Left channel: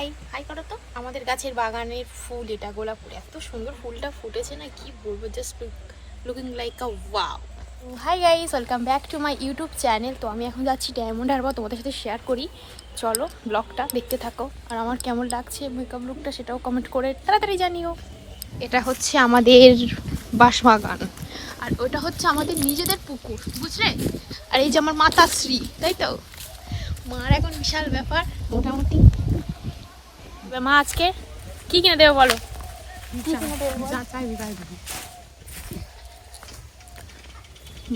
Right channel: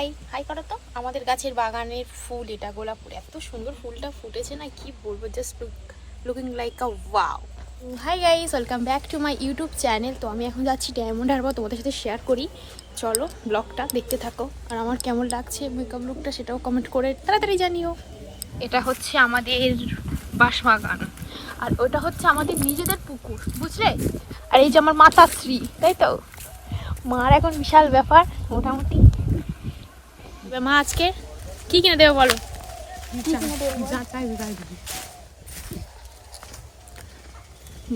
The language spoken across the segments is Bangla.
হাই হাই করো তো। আমাদের গাছের বাগানের ফুল এটা গোলাপ ফুল এত সুন্দর ফুলটা ফুটেছে না কি বলব just looking like a wow hi guys welcome back to my YouTube channel তো আমি এখন যাচ্ছি ডায়মন্ড হারবার তোমাদের সাথে শেয়ার করি। চলো ব্লগটা দেখতে থাকো। আর আমার কেমন লাগছে মেকআপ লুকটা সেটাও কমেন্ট করে তাড়াতাড়ি জানিও। এটা হচ্ছে আমাদের বাসবাগান আর ওটা হচ্ছে আমাদের নিজেদের পুকুর বুঝলে? আর এই যে আমার মাতাশ্রী তাই তো? মার এখন বিশাল ব্যাপার। মোটামুটি মা আজকে কি কিনে দেবে বলো?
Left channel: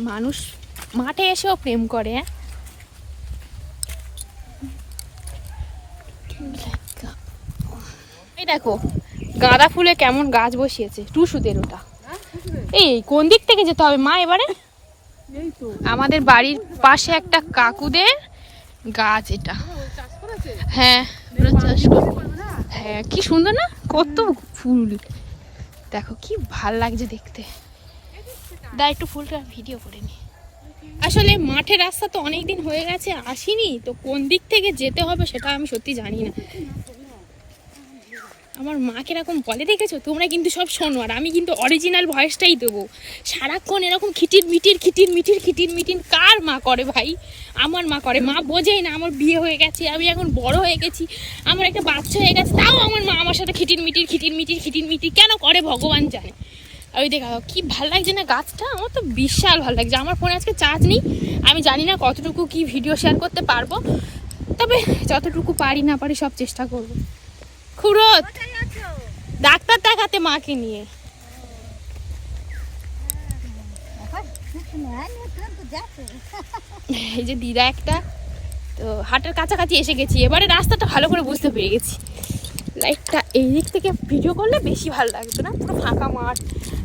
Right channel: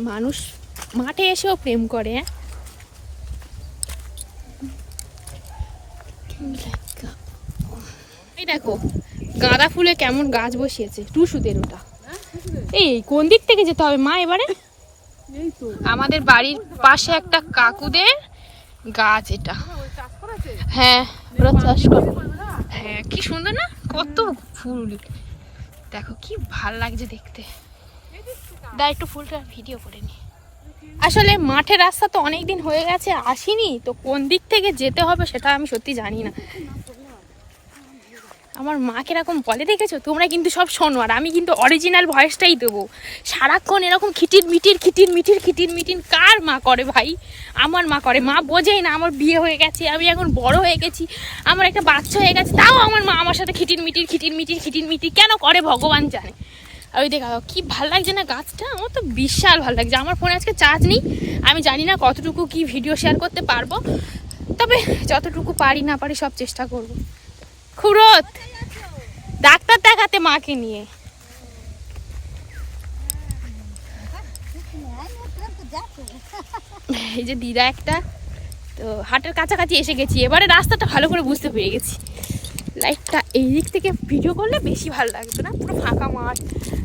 মানুষ মাঠে এসেও প্রেম করে হ্যাঁ? এই দেখো গাঁদা ফুলে কেমন গাছ বসিয়েছে টুসুদের ওটা। এই কোন দিক থেকে যেতে হবে মা এবারে? আমাদের বাড়ির পাশে একটা কাকুদের গাছ এটা। হ্যাঁ। চাষ করে। হ্যাঁ কি সুন্দর না? কত ফুল। দেখো, কি ভালো লাগছে দেখতে। দা একটু ফুলটা ভিডিও করে নি। আসলে মাঠের রাস্তা তো অনেক দিন হয়ে গেছে, আসিনি। তো কোন দিক থেকে যেতে হবে সেটা আমি সত্যি জানি না। আমার মা কীরকম বলে দেখেছ? তোমরা কিন্তু সব শোনো, আর আমি কিন্তু অরিজিনাল ভয়েসটাই দেবো। সারাক্ষণ এরকম খিটির মিটির খিটির মিটির খিটির মিটির, কার মা করে ভাই? আমার মা করে। মা বোঝেই না আমার বিয়ে হয়ে গেছে, আমি এখন বড় হয়ে গেছি, আমার একটা বাচ্চা হয়ে গেছে, তাও আমার মা আমার সাথে খিটির মিটির খিটির মিটির খিটির মিটির কেন করে ভগবান জানে? ওই দেখা, কি ভালো লাগছে না গাছটা? আমার তো বিশাল ভালো লাগছে। আমার ফোনে আজকে চার্জ নেই। আমি জানি না কতটুকু কি ভিডিও শেয়ার করতে পারব। তবে যতটুকু পারি না পারি সব চেষ্টা করব। খুরত ডাক্তার দেখাতে মাকে নিয়ে। এই যে দিদা একটা, তো হাটের কাছাকাছি এসে গেছি। এবারে রাস্তাটা ভালো করে বুঝতে পেরে গেছি। লাইটটা এই দিক থেকে ভিডিও করলে বেশি ভালো লাগতো না, পুরো ফাঁকা মাঠ।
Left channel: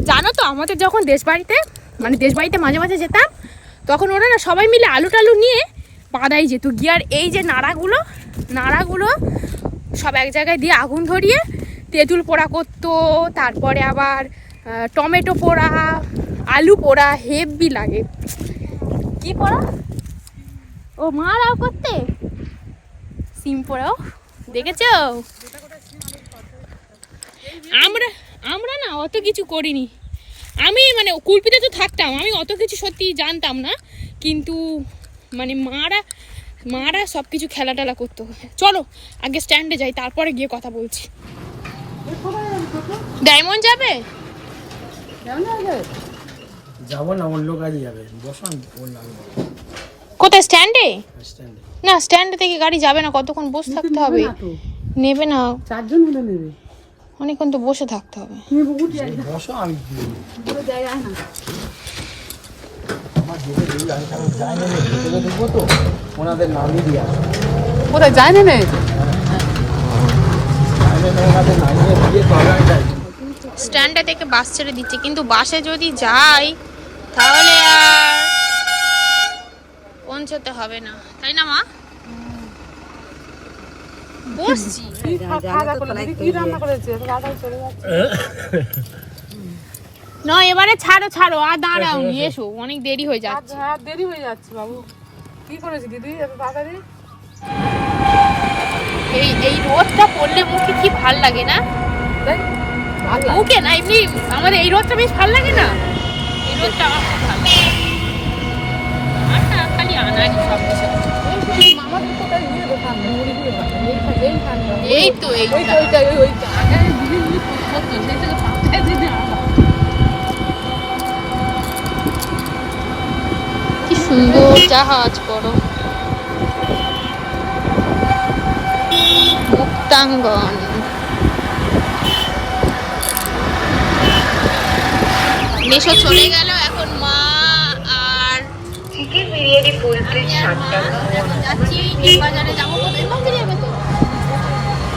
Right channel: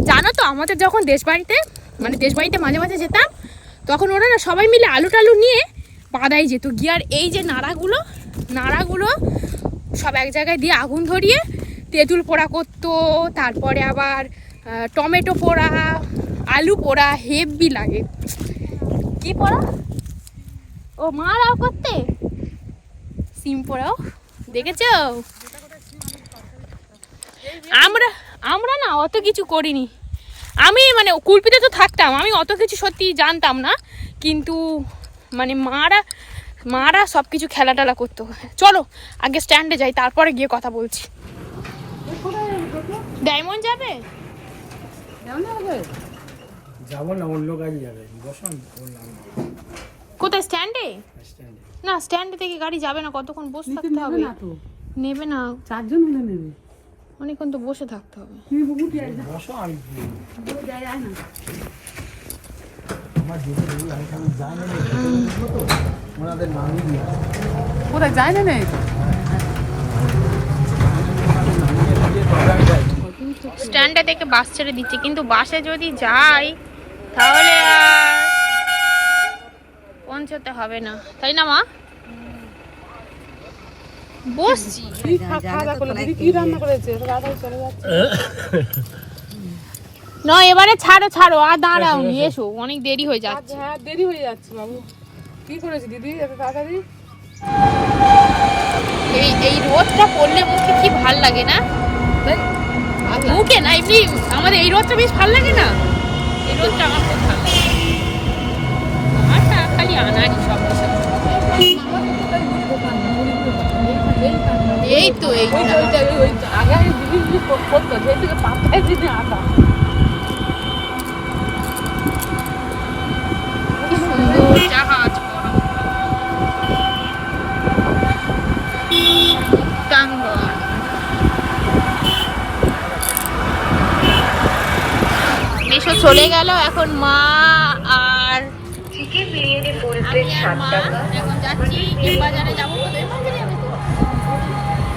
জানো তো, আমাদের যখন দেশ বাড়িতে মানে দেশ বাড়িতে মাঝে মাঝে যেতাম, তখন ওরা না সবাই মিলে আলু টালু নিয়ে বাদাই যেত। গিয়ে আর এই যে নাড়াগুলো নাড়াগুলো সব এক জায়গায় দিয়ে আগুন ধরিয়ে তেঁতুল পোড়া করতো, তারপরে আবার টমেটো পোড়া, আলু পোড়া, হেভি লাগে। কি পোড়া? ও মারাও করতে? সিম পোড়াও। দেখেছ? আমরা আমরা না অত কিছু করিনি। আমি মানে কুলপিতে তো থাকতাম, আমি অত কিছু সত্যি জানতাম না। কিন্তু মানে মারা মারা সব কিছু খেলা টেলা করতো চলো আগে স্ট্যান্ডে যাই তারপরে গিয়ে কথা বলছি। ডায়মন্ড যাবে? যাব না অন্য কাজে যাবে। বসান কোথায় স্ট্যান্ডে স্ট্যান্ডে না স্ট্যান্ড থেকে গাড়ি যাবে না কতক্ষণ বসে থাকতে হবে? নেবে না। চারজন হলে নেবে। অনেকক্ষণ তো বসে থাকতে হবে। বসো আমি ওনাদের নামিয়ে দিয়ে কোথায় না ওনাদের নামিয়ে স্ট্যান্ডে থেকে বাস ছেড়ে দিচ্ছে কিন্তু বাসে যদি যাই তাহলে আর পৌঁছতে হবে না। তাই না মা? বসছি। রান্না করেছে? চলে যাচ্ছে। না এবারে ছাড়ো ছাড়ো আর দাঁড়াও এসো অনেক দেরি হয়ে যাচ্ছে। হ্যাঁ দেরি হয়ে যাচ্ছে বাবু। কি করেছে দিদি এত তাড়াতাড়ি? এই এই রোদটা পড়লে মুখে কি ভালো লাগে না? মুখে না এমনি আমাদের এই রোদটা বেশ ভালো লাগে না? এই রোদটা আমার খুব ভালো লাগে। আমার খালি আনাজ সব কিছু এই তো এইটা আগে দিদি দিদি করতো সেই থেকে পাঁচটায় দিদি আনলাম কি সুন্দর জাহাজ বড় মুক্তাঙ্গন। এসে চলে গেল এখন মা আর মা এখন যাচ্ছি বাজারে যাব এম বাজারে যাবে তো।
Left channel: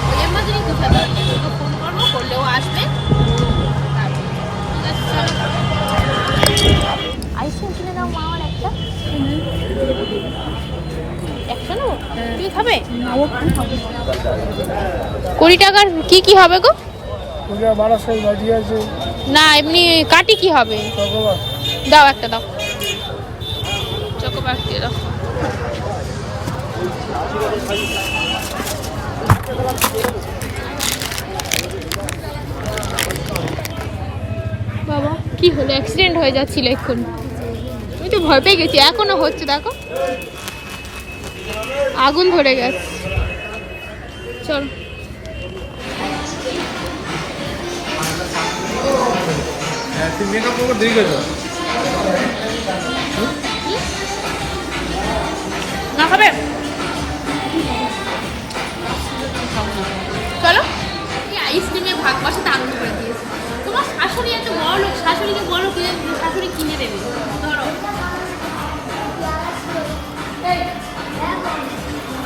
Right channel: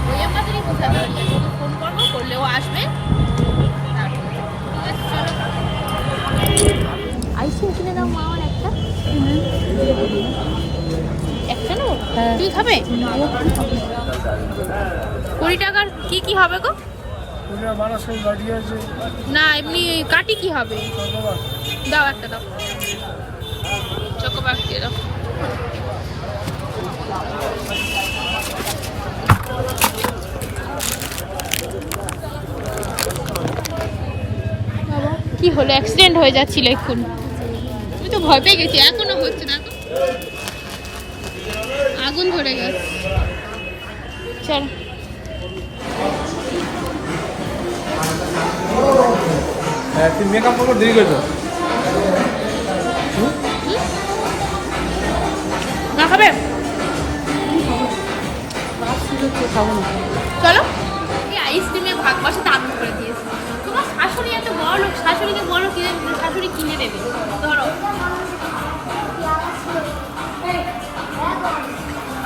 ওই বাজারে দু সাথে তোকে ফোন করব করলেও আসবে। আইসক্রিম কিনে দাও মা একটা? একটা নেব? তুই খাবে? কুড়ি টাকার কি কি হবে গো? না এমনি কাটি কি হবে? দাও একটা দাও। চকোবার দিয়ে দাও। বাবা। কি হলো? অ্যাক্সিডেন্ট হয়ে যাচ্ছিল এক্ষুনি তো ভয় পেয়ে গেছি এখনও হচ্ছে দেখো। আগুন ধরে গেছে। চল। হ্যাঁ মেকআপ করব দেরি করবে না খাবে? চলো। এই আইসক্রিমে ভাগ বসাতে আরম্ভ করে দিয়েছে। তোমার শাশুড়ি এত বড় লোক শাশুড়িকে বলো কিনে শাশুড়ি কিনে দেবে। ধরো।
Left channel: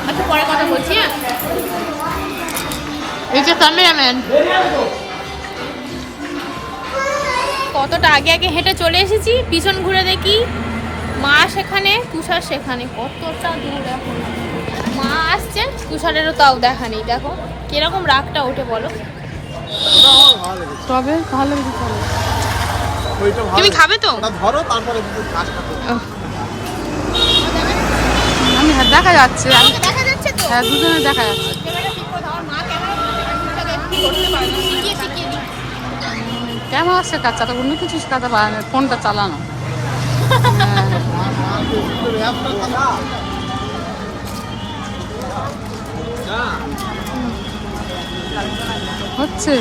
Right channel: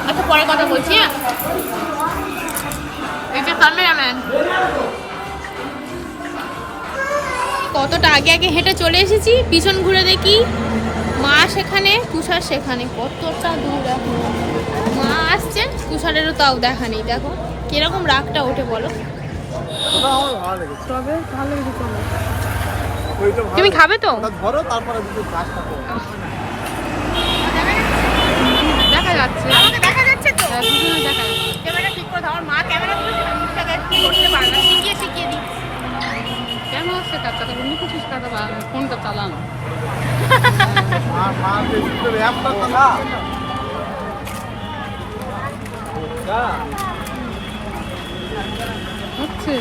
আচ্ছা পরে কথা বলছি হ্যাঁ? এই যে ক্যামেরাম্যান কতটা আগে আগে হেঁটে চলে এসেছি পিছন ঘুরে দেখি। মা সেখানে তুষার সেখানে। কতটা দূর এখন। মা আসছে তুষারেরও তাও দেখা নেই দেখো। কীরকম রাগটা ওঠে বলো। তবে ভালো কিছু চলে। তুমি খাবে তো? ধরো তারপরে আমি হ্যাঁ, দেখা যাচ্ছে। দেখা যাচ্ছে তো? হ্যাঁ দুজনে দেখা যাচ্ছে। ক্যামেরা অন্য কিছু শেখাতে পারে না ফোনটা চালানো। হচ্ছে।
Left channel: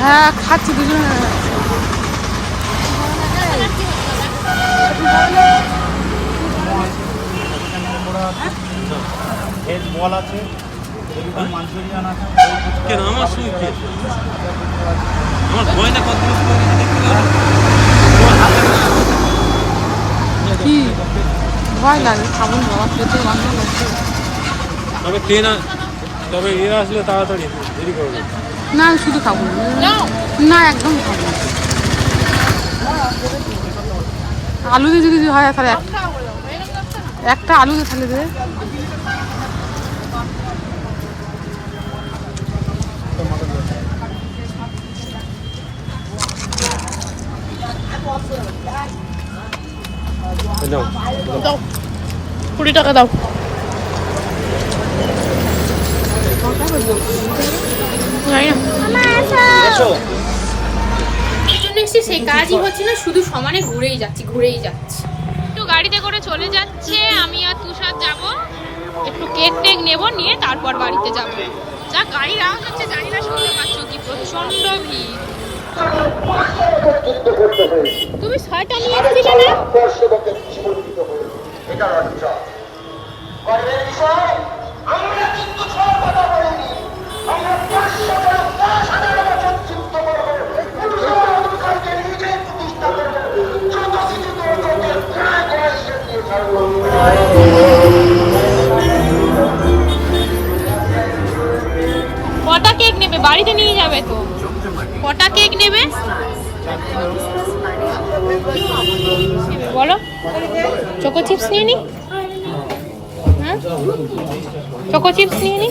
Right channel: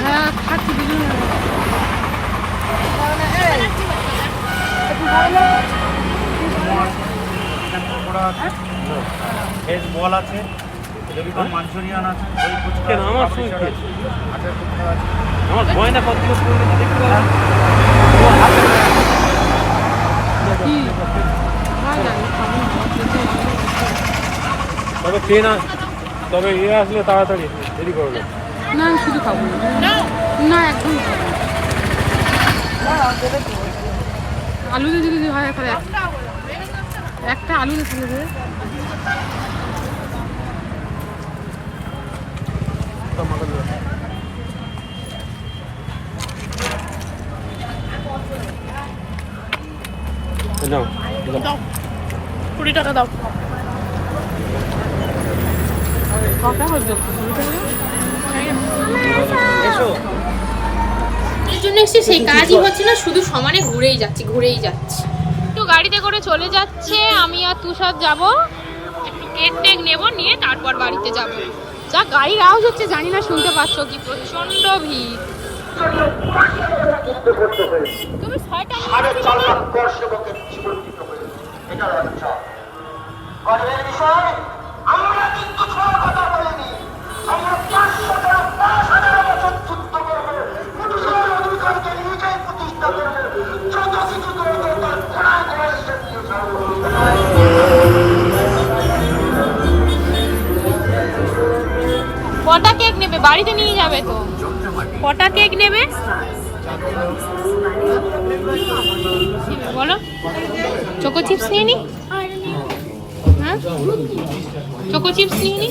হ্যাঁ খাচ্ছি দুজনে ভেজ বল আছে মাঞ্চুরিয়ান আছে দই ফুচকা আছে পাপড়ি চাট আছে আটার ফুচকা আছে কি? ভয় লাগে খাব বাবা পেটে বন্ধ গেছে তবে খেয়ে না? তবে ইয়ে আসলে তাড়াতাড়ি দেরি করবে না আমি শুধু খাব না। না একদম খাব না। আলু দিয়ে যদি হয় তাহলে এক- একটা আলু দিয়ে তাহলে দে দাও কুড়ি টাকা দাও হচ্ছে জন্য এসে সেই কাজই হচ্ছে না শুধু সমানে ঘুরেই যাচ্ছি ঘুরেই যাচ্ছি। একটু গাড়িতে করে চলে যাচ্ছে আমি আর তুষার যাব। একটু কেক টেক নেব নিয়ে তারপর বাড়িতে যাব। যা গাড়ির আওয়াজ হচ্ছে জানি না শুনতে পাচ্ছ কি প্রচণ্ড ভিড়। তুমি ছয়টা নিয়ে না? কটা কেক নেবে? বাড়িতে নিয়ে যাবে তো। কটা কেক নেবে? বলো। চোকো চিপস নিয়ে নি? হ্যাঁ? চোকো চিপস নিয়ে নি?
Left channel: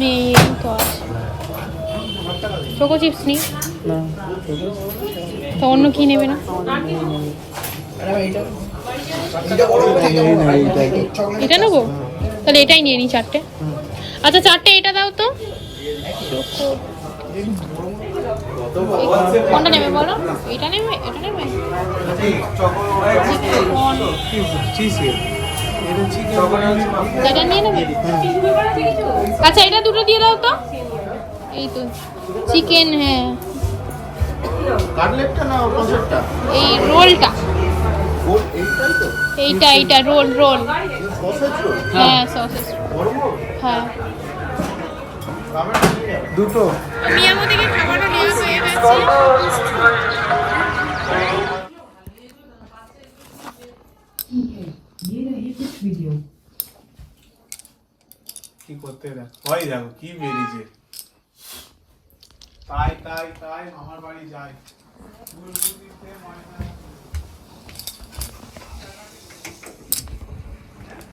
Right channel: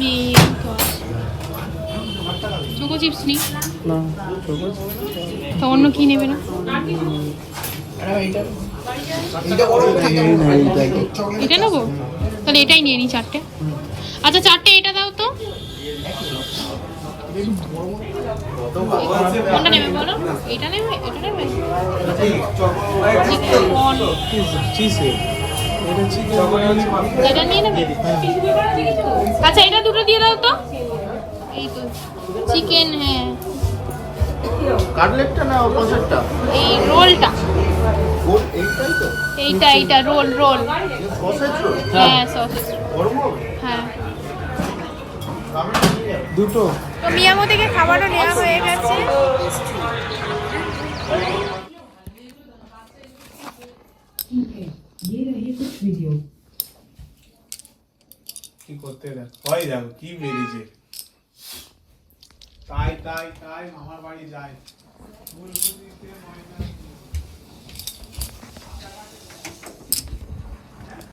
নেই তো চোকো চিপস নি। তো অন্য কি নেবে না? এটা নেব? তাহলে এটাই নিয়ে নিই চারটে। আচ্ছা চারটে এটা দাও তো। কোনটা নেবে বলো? এটা নেবে? ওটা নেবে? Chicken. এটা নিয়ে নেবে? আচ্ছা এটা দুটো দিয়ে দাও তো। এই তো চিকেন হ্যাঁ। কাটলেটটা না কনসেপ্টটা এই রোলটা। এইটা এইটা রোল রোল। হ্যাঁ সসেস হ্যাঁ। দুটো। তো মিয়ামো থেকে খাবারও নেওয়া হয়ে গেছে। কি করতে দেখ হয় দেখো কি বেরিয়েছে তাই তাই তাই আমার বাড়ি যায়